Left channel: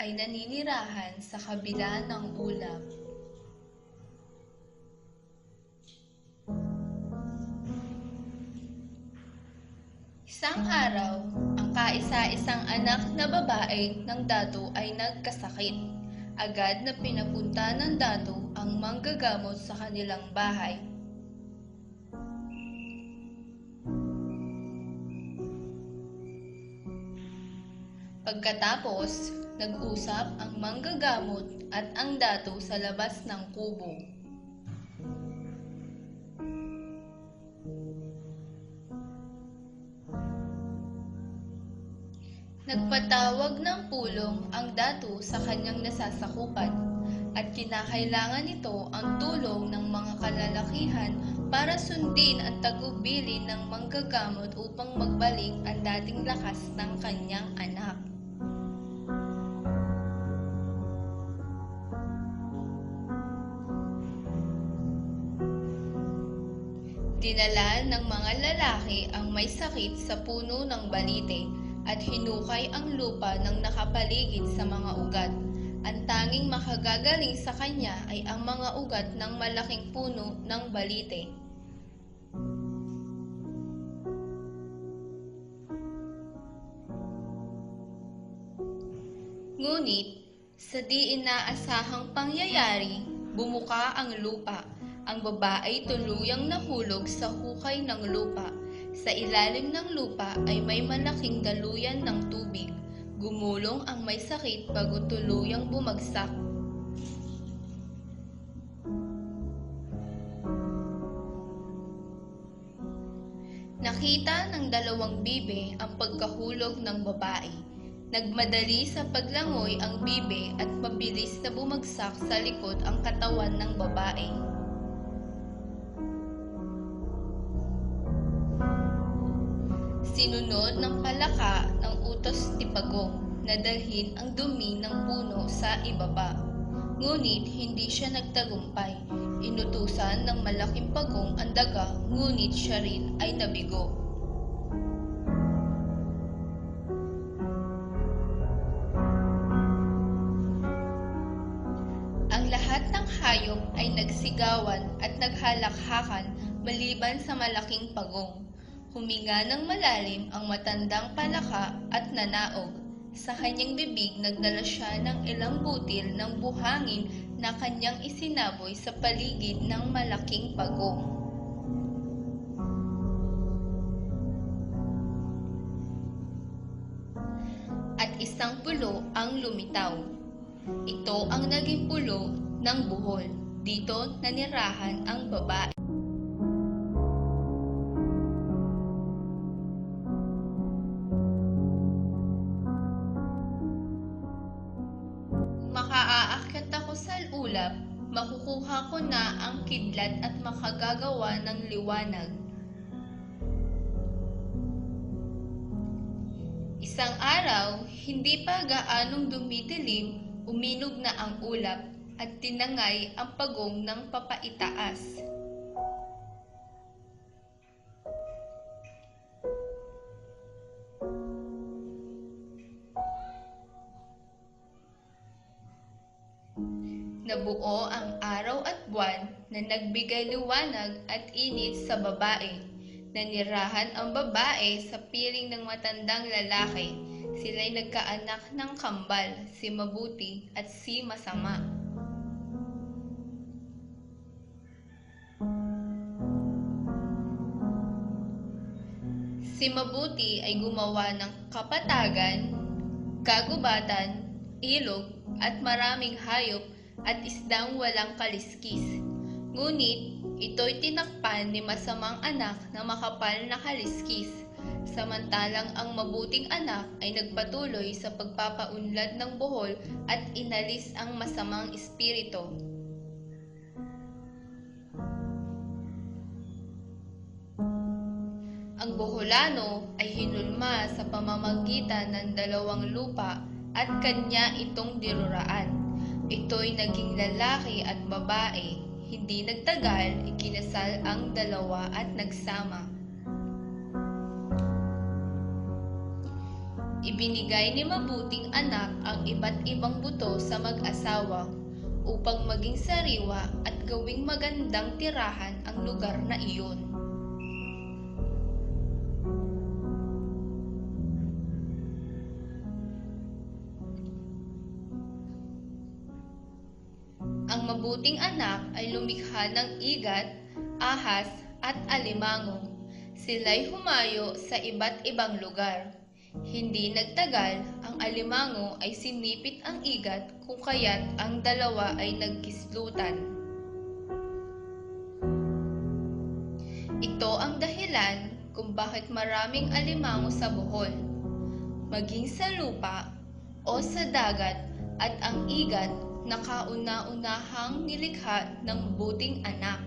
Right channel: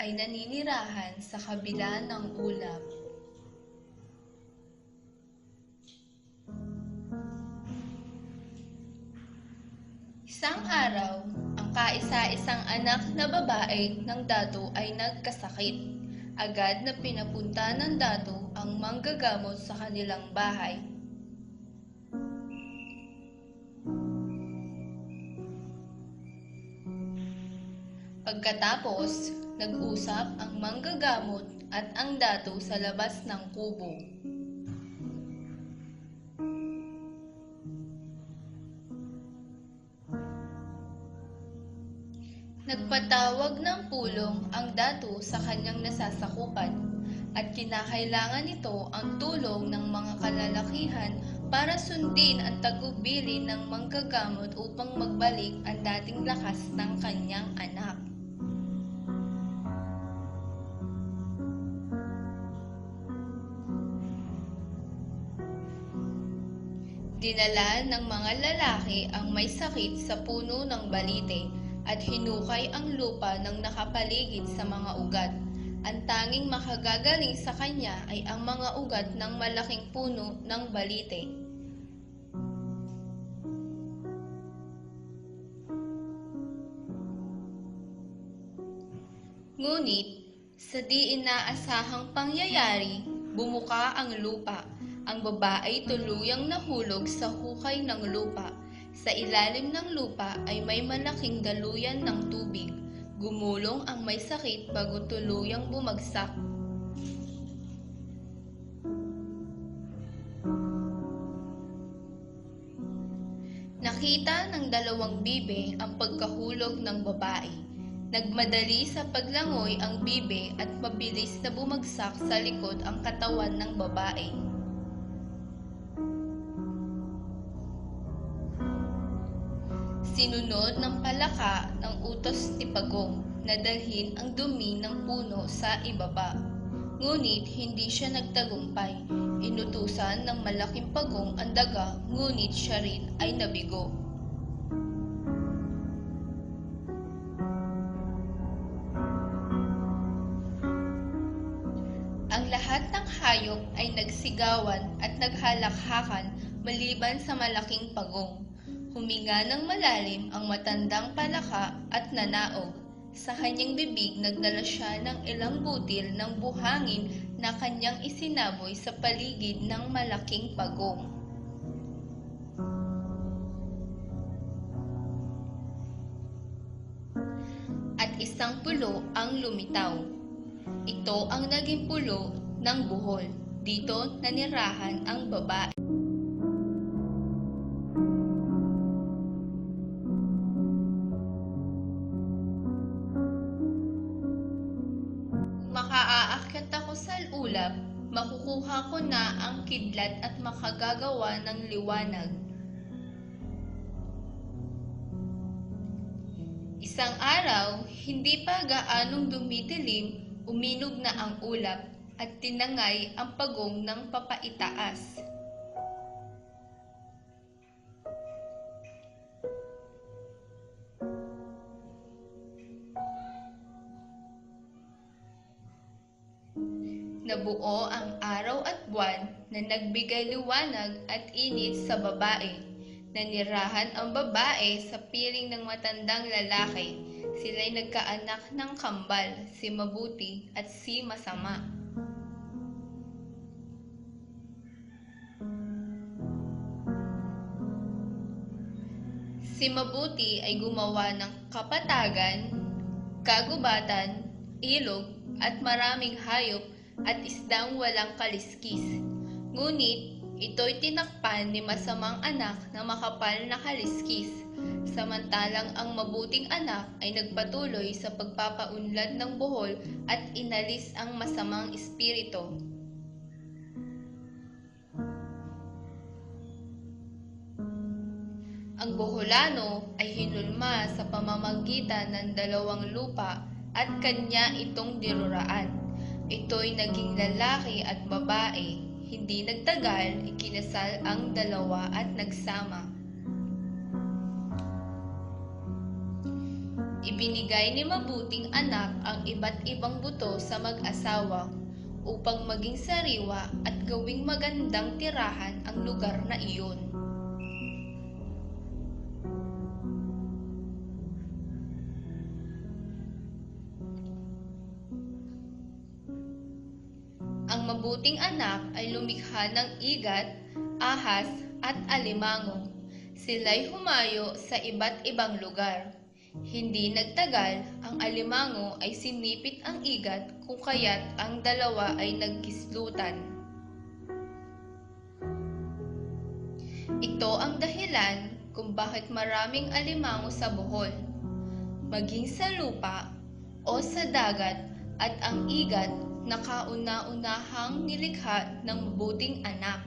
ay naninirahan sa kabila ng ulap. Isang araw, ang kaisa-isang anak na babae ng dato ay nagkasakit. Agad na pinapunta ng dato ang manggagamot sa kanilang bahay. Pagkatapos, nag-usap ang manggagamot at ang dato sa labas ng kubo. Nagpatawag ng pulong ang dato sa kanyang nasasakupan at kinakailangan nito ang tulong ng mga kalalakihan para sundin ang tagubilin ng manggagamot upang magbalik ang dating lakas ng kanyang anak. Dinala ng mga lalaki ang may sakit sa puno ng balite at hinukay ang lupa ng nakapaligid sa mga ugat. Ang tanging makagagaling sa kanya ay ang mga ugat ng malaking puno ng balite. Ngunit, sa di inaasahang pangyayari, bumuka ang lupa. Ang babae tuluyang nahulog sa hukay ng lupa. Sa ilalim ng lupa ay may malaking daluyan ng tubig. Gumulong ang may sakit bago tuluyang bumagsak. Nakita ng dalawang bibe ang pagkahulog ng babae. Nagmadali sa paglangoy ang bibe at mabilis na bumagsak sa likod ang katawan ng babae. Sinunod ng palaka ng utos ni Pagong na dalhin ang dumi ng puno sa ibaba. Ngunit hindi siya nagtagumpay. Inutusan ng malaking pagong ang daga, ngunit siya rin ay nabigo. Ang lahat ng hayop ay nagsigawan at naghalakhakan maliban sa malaking pagong. Huminga ng malalim ang matandang palaka at nanaog. Sa kanyang bibig nagdala siya ng ilang butil ng buhangin na kanyang isinaboy sa paligid ng malaking pagong. At isang pulo ang lumitaw. Ito ang naging pulo ng buhol. Dito nanirahan ang babae. Makaaakyat ako sa ulap, makukuha ko na ang kidlat at makagagawa ng liwanag. Isang araw, hindi pa gaanong dumidilim, uminog na ang ulap at tinangay ang pagong ng papaitaas. Nabuo ang araw at buwan na nagbigay liwanag at init sa babae. Nanirahan ang babae sa piling ng matandang lalaki. Sila'y nagkaanak ng kambal, si Mabuti at si Masama. Si Mabuti ay gumawa ng kapatagan, kagubatan, ilog at maraming hayop at isdang walang kaliskis. Ngunit, ito'y tinakpan ni Masamang anak na makapal na kaliskis, samantalang ang mabuting anak ay nagpatuloy sa pagpapaunlad ng buhol at inalis ang masamang espiritu. Ang buholano ay hinulma sa pamamagitan ng dalawang lupa at kanya itong diruraan. Ito'y naging lalaki at babae. Hindi nagtagal, ikinasal ang dalawa at nagsama. Ibinigay ni mabuting anak ang iba't ibang buto sa mag-asawa upang maging sariwa at gawing magandang tirahan ang lugar na iyon. Ang mabuting anak ay lumikha ng igat, ahas at alimango. Sila'y humayo sa iba't ibang lugar. Hindi nagtagal, ang alimango ay sinipit ang igat kung kaya't ang dalawa ay nagkislutan. Ito ang dahilan kung bakit maraming alimango sa Bohol, maging sa lupa o sa dagat, at ang igat na kauna-unahang nilikha ng mabuting anak.